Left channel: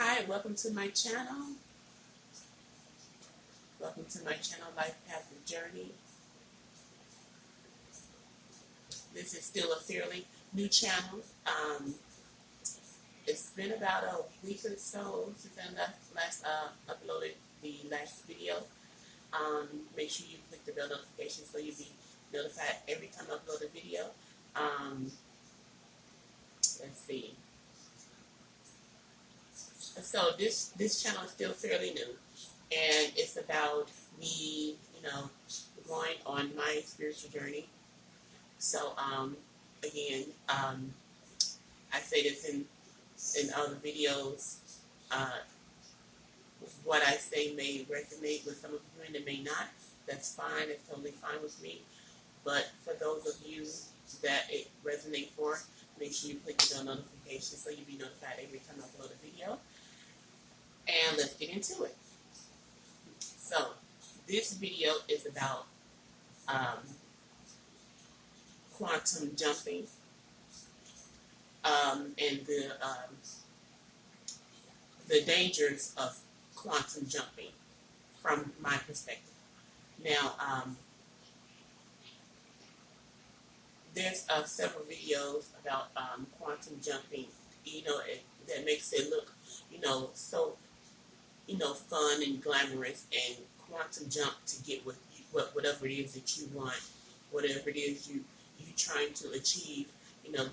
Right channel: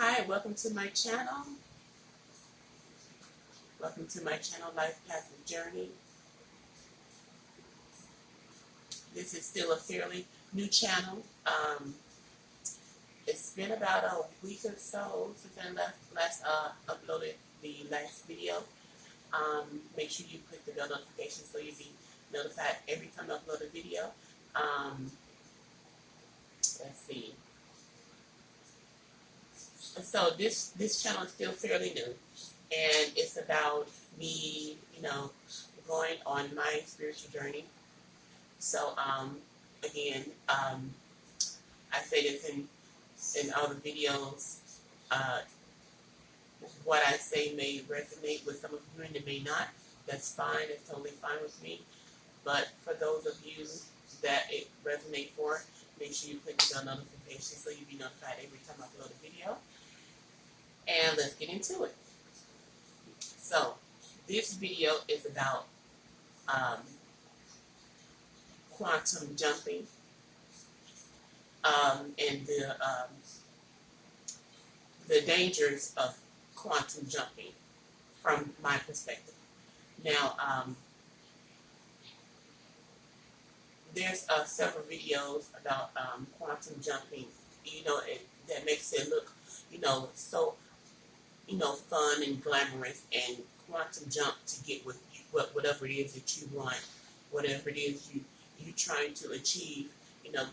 Hi, welcome to my channel. Welcome to my channel, Life Path and Journey. This is still a fairly new channel. It's been about a week or so since I last uploaded the last video. Make sure you click the bell notification so you'll be notified every time I upload a video. Let's see. So this channel is still fairly new, and it's about me, going on my spiritual journey. So again, I say this in other videos. What I say may resonate with some of you, and it may not. That's fine. It's totally fine with me. But for those of you that it resonates for, make sure you click the bell notification so you'll be notified every time I upload a video. And let's get into it. So this video is about quantum jumping and the dangers of quantum jumping from my perspective. Now, there's several videos about quantum jumping, that makes it look, so, fun and glamorous, and quantum jump to get whatever it is that you want, whatever it is you trying to achieve,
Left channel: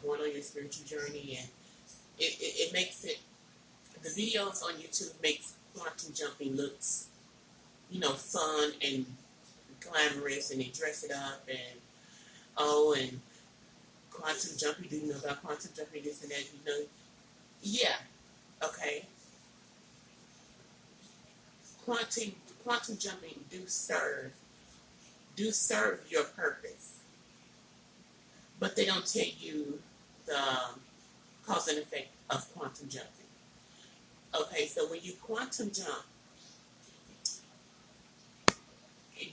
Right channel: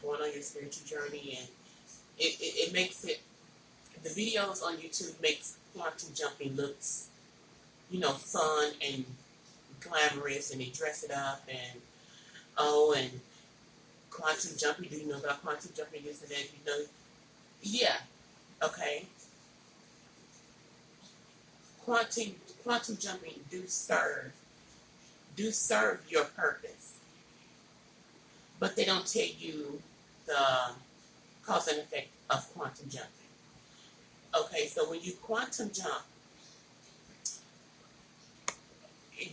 going on your spiritual journey. And it makes it, the videos on YouTube makes quantum jumping looks, fun and glamorous, and they dress it up, and and quantum jumping, do you know about quantum jumping, this and that, yeah, okay. Quantum jumping do serve your purpose, but they don't tell you the cause and effect of quantum jumping. Okay, so when you quantum jump,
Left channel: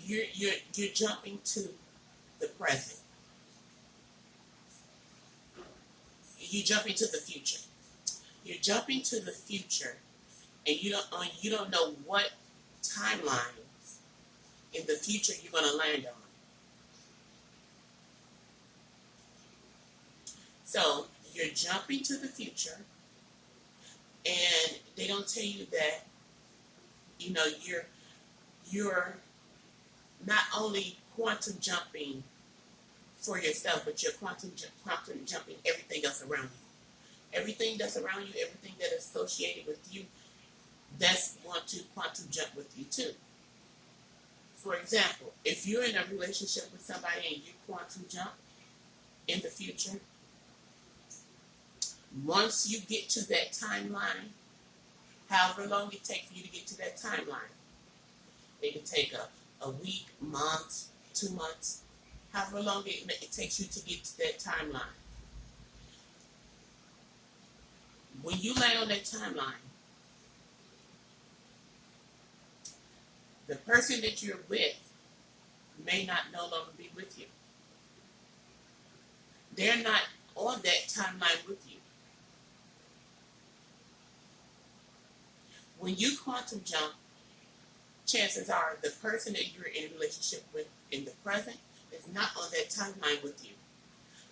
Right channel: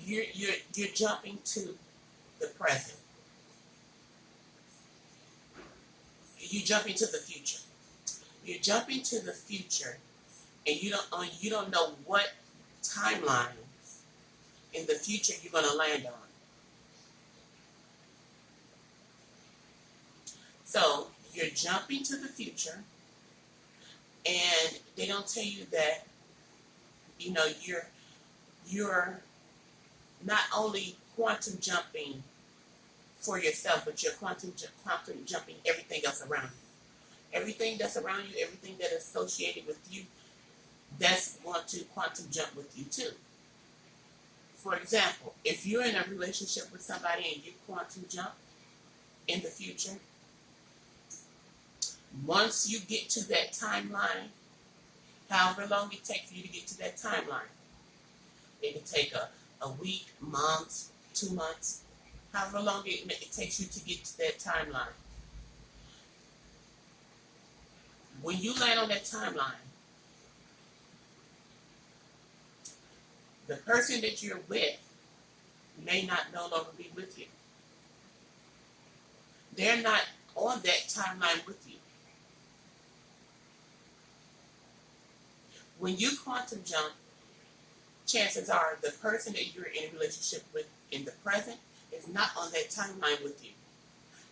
you're jumping to the present. You jump into the future. You're jumping to the future, and you don't know what timeline in the future you're going to land on. So you're jumping to the future, and they don't tell you that you're not only quantum jumping for yourself, but you're quantum jumping everything else around you. Everything that's around you, everything that is associated with you, that's going to quantum jump with you too. For example, if you're in a relationship with somebody and you quantum jump in the future, once you get to that timeline, however long it takes for you to get to that timeline, it can take a week, month, 2 months, however long it takes you to get to that timeline. When you land on that timeline, the person that you're with may not no longer be with you. They're not on that timeline with you. When you quantum jump, chances are the person that you're in a relationship with in the present is not on that timeline with you.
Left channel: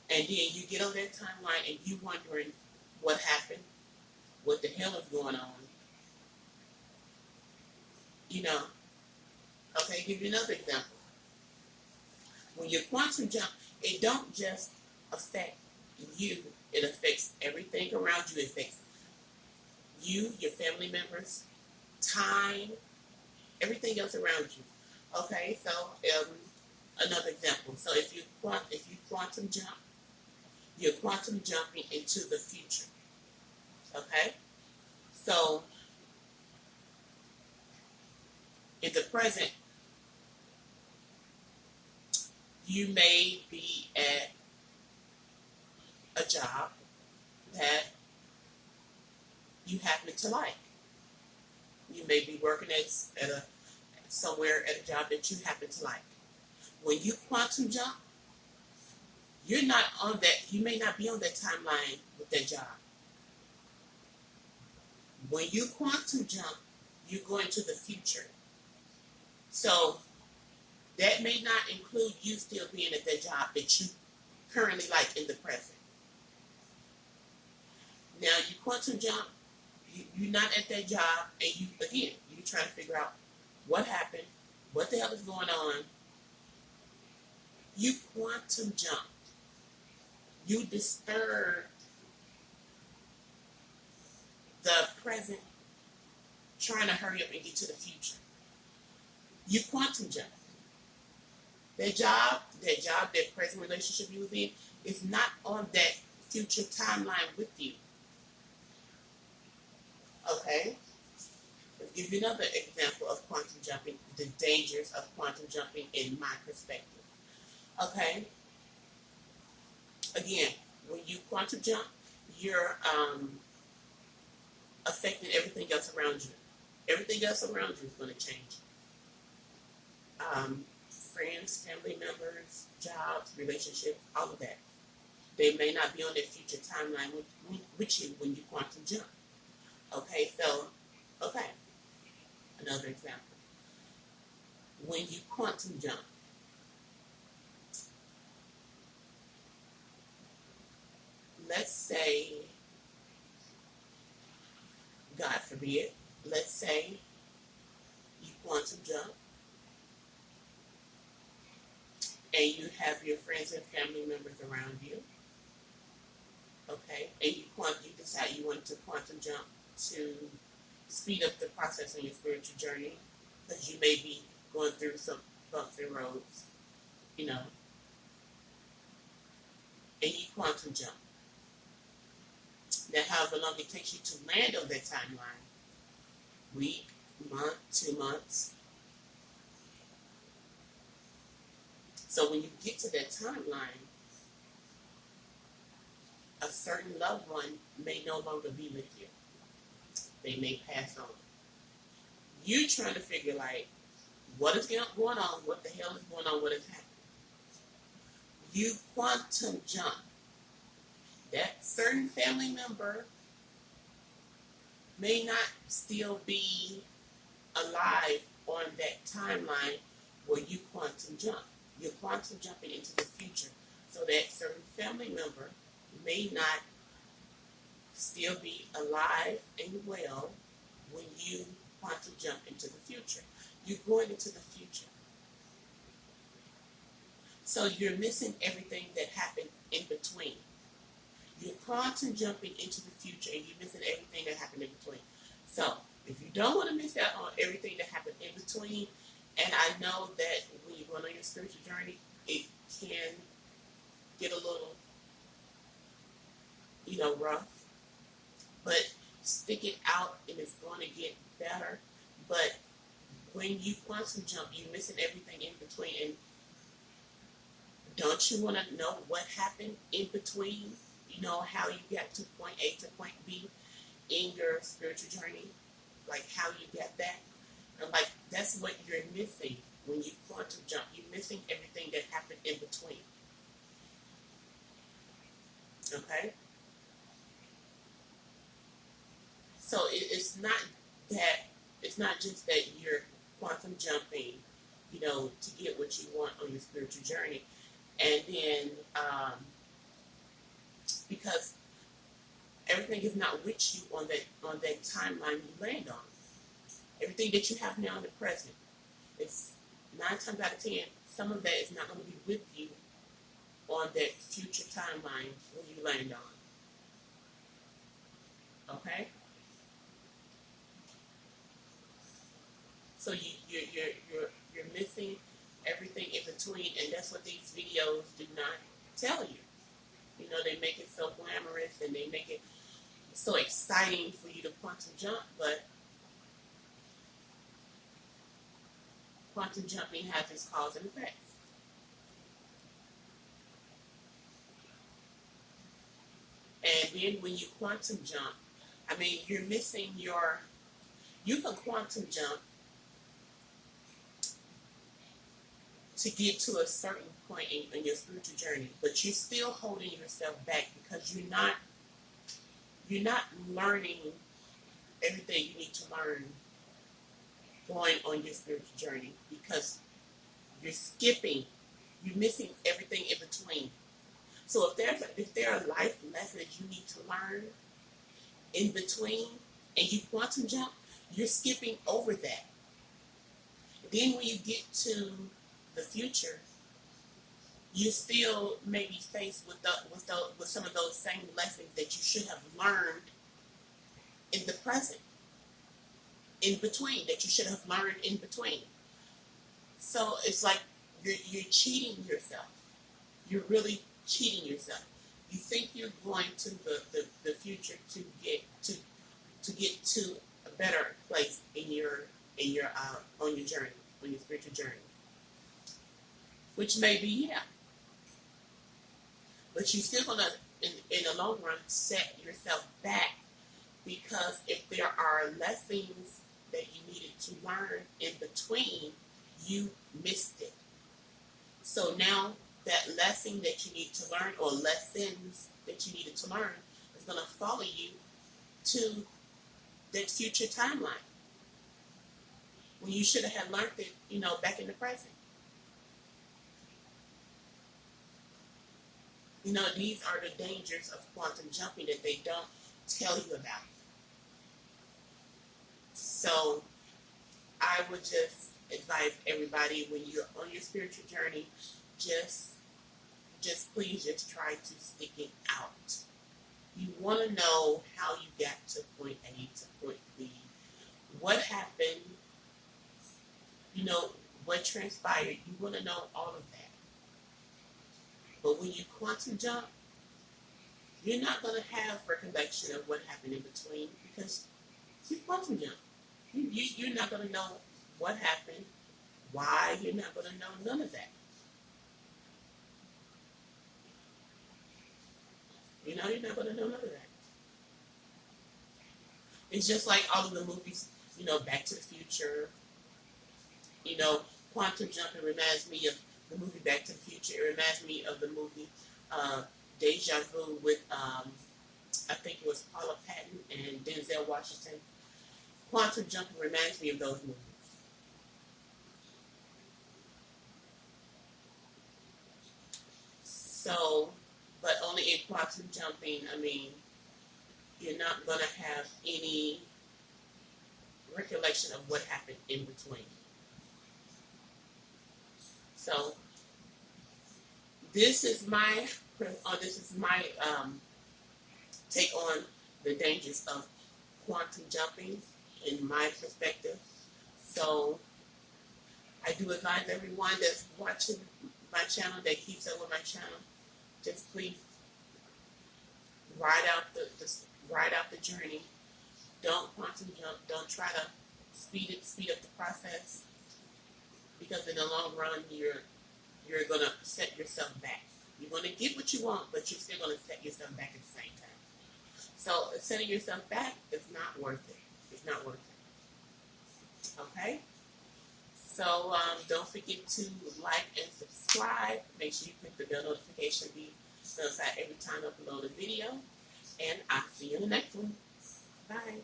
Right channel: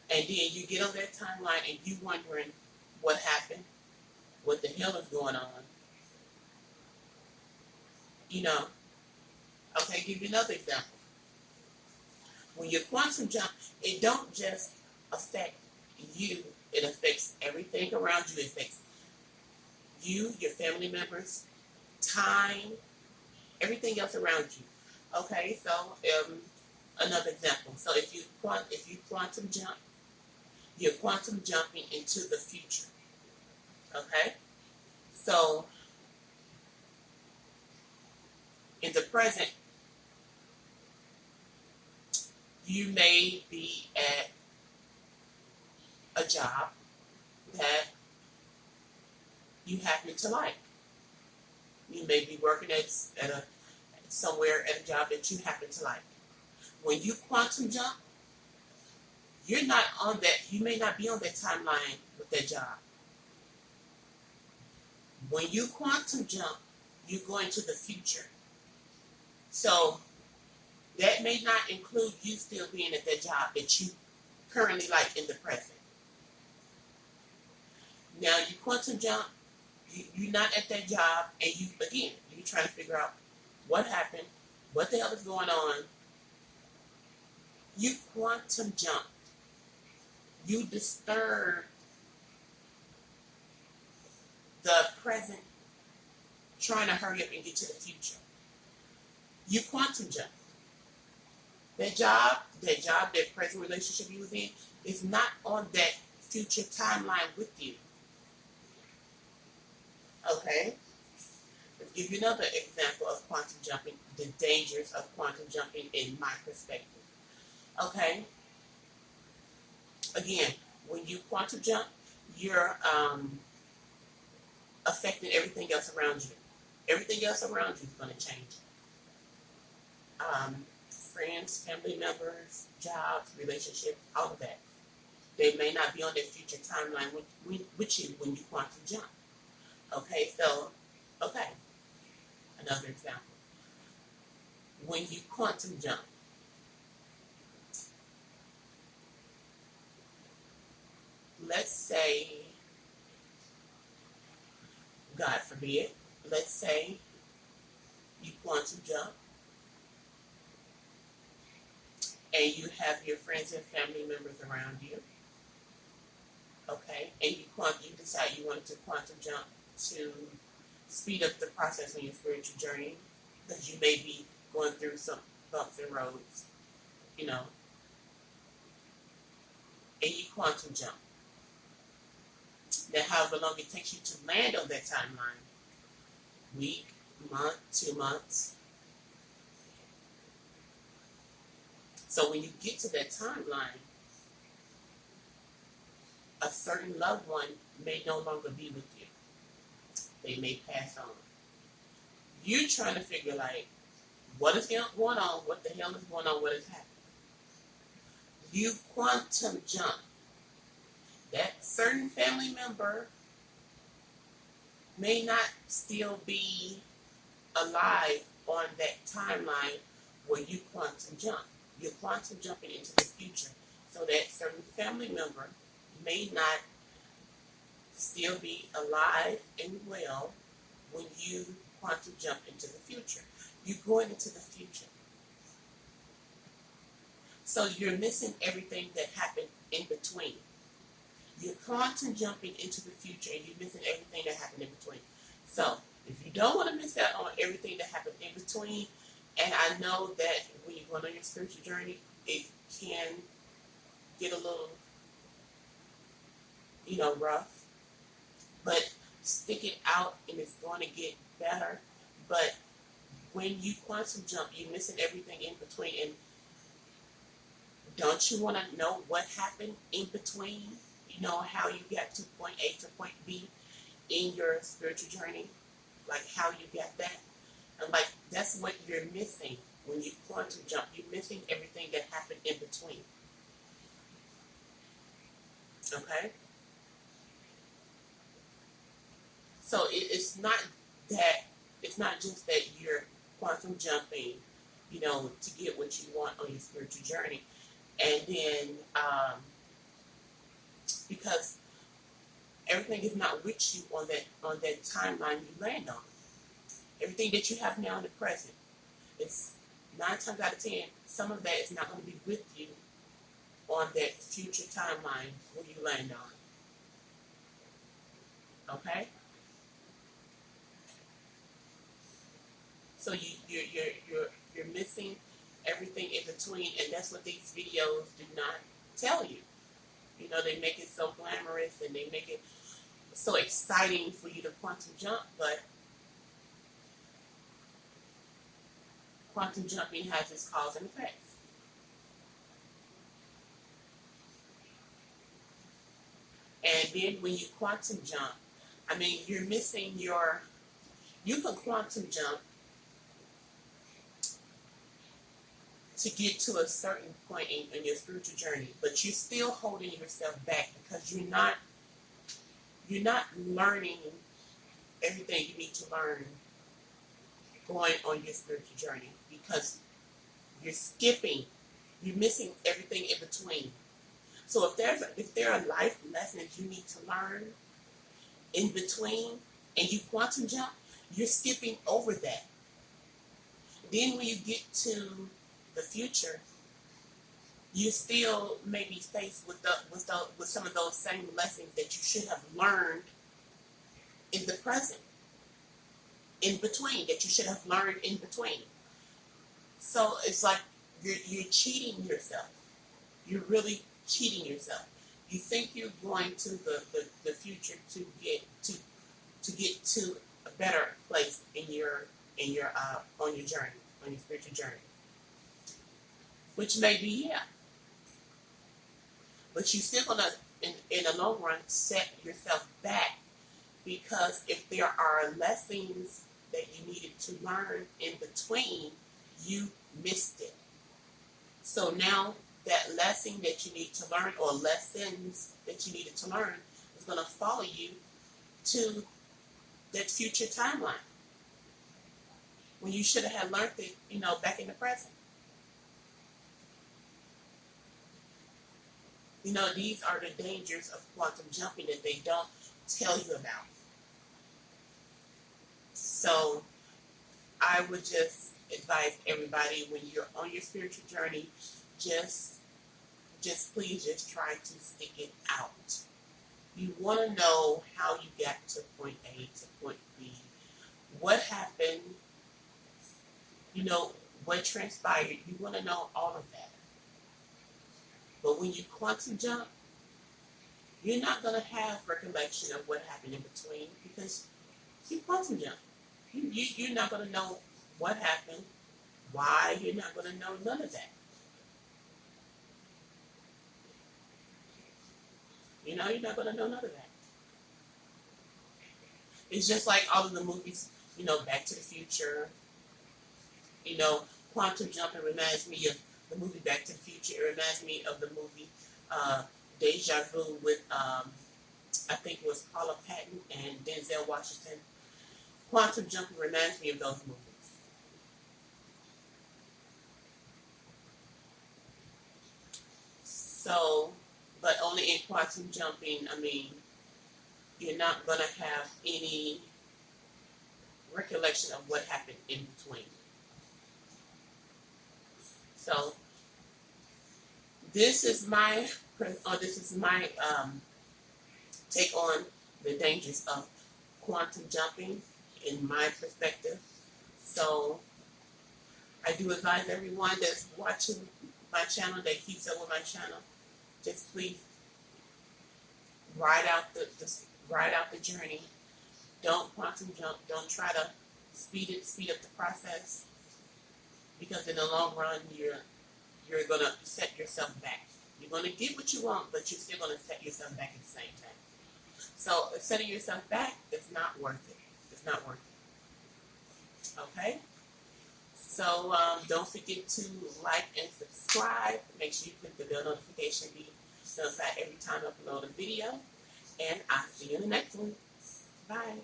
And then you get on that timeline and you wondering what happened, what the hell is going on. Okay, give you another example. When you quantum jump, it don't just affect you, it affects everything around you. It affects you, your family members, time, everything else around you. Okay, so another example. So if you quantum jump, you're quantum jumping into the future. Okay, so in the present, you may be at a job that you happen to like. You may be working somewhere at a job that you happen to like. When you quantum jump, you're not on that. You may not be on that timeline with that job. When you quantum jump, you go into the future. So that may not include you still being at that job that you currently like in the present. Now you quantum jump, you're not at that job, and you're trying to figure out what happened, what the hell is going on. You quantum jump. You disturb the present, trying to hurry up and get to the future. You quantum jump. That present relationship you was in is not on that future timeline with you. Okay? Let's give you another example of quantum jumping, the dangers of quantum jumping in my perspective. Okay? Again, when you quantum jump, you're affecting everything else around you. Everything else around you is going to change. Friends, family members, jobs, relationships, all of that. They may not be on their future timeline with you when you quantum jump. Okay, another example. When you quantum jump, let's say, God forbid, let's say you quantum jump and you have your friends and family members around you, okay, and you decide you want to quantum jump to speed up the process on your spiritual journey because you may be going through some bumps and roads, and you quantum jump. Now, however long it takes you to land on that timeline, week, month, 2 months. So when you get to that timeline, a certain loved one may no longer be with you. They may pass on. You trying to figure what is going on, what the hell is going on, what is happening. You quantum jump. That certain family member may not still be alive on that timeline where you quantum jump. You're quantum jumping into the future. So that certain family member may not still be alive and well when you quantum jump into the future. You're going into the future. So you're missing everything that happened in between. You're quantum jumping into the future and you're missing everything that happened in between. So if you don't want to miss out on everything that happened in between, and I know that when you're going on your spiritual journey, it can get a little, rough, but stick it out and it's going to get better. But when you quantum jump, you're missing everything in between. And don't you want to know what happened in between? How you got to point A to point B in your spiritual journey, how you got that. And that's what you're missing when you quantum jump. You're missing everything that happened in between. Okay? So it's not just that you're quantum jumping, to get what you want on your spiritual journey. And then, because everything is not with you on that timeline you land on. Everything that you have now in the present, it's 9 times out of 10, some of that is not going to be with you on that future timeline where you land on. Okay? So you're missing everything in between, and that's what these videos do not tell you. They make it so glamorous and they make it so exciting for you to quantum jump, but quantum jumping has its cause and effects. And then when you quantum jump, you're missing you can quantum jump to get to a certain point in your spiritual journey, but you're still holding yourself back because you're not learning everything you need to learn going on your spiritual journey, because you're missing everything in between. So if there are life lessons you need to learn in between, and you quantum jump, you're skipping over that. Then when you get to the future, you still may be faced with some of those same lessons that you should have learned in the present, in between, that you should have learned in between. So it's like you're cheating yourself. You're really cheating yourself. You think you're going to the future to get to a better place in your on your journey, on your spiritual journey. Which may be, yeah. But you're still gonna in the long run set yourself back, because if there are lessons that you needed to learn in between, you missed it. So now that lesson that you need to learn, or lessons that you needed to learn, is going to follow you to that future timeline, when you should have learned it, back in the present. These are the dangers of quantum jumping that they don't tell you about. So I would just advise everybody, when you're on your spiritual journey, just please just try to stick it out. You want to know how you got to point A to point B. What happened, what transpired. You want to know all of that. But when you quantum jump, you're not going to have recollection of what happened in between, because you quantum jump. You're not going to know what happened, why. You're not going to know none of that. You're not going to know none of that. It's just like all of the movies, Back to the Future. Quantum jumping reminds me of the movie Back to the Future. It reminds me of the movie Deja Vu with, I think it was Paula Patton and Denzel Washington. Quantum jumping reminds me of those movies. So, but only in quantum jumping, you're not going to have any recollection of what happened in between. So, this is my take on the dangers of quantum jumping in my perspective. So, I do advise everyone that's watching my channel, that keeps up with my channel, just please ride out the journey. Don't quantum jump. Don't try to speed up the process, because in the long run you're gonna set yourself back. You're gonna get what you want, but you're still gonna set yourself back at the same time. So setting yourself back is not worth it. It's not worth it. Okay? So don't forget to like and subscribe. Make sure you click the bell notification to be notified every time I upload a video. And I'll see you in the next one. Bye.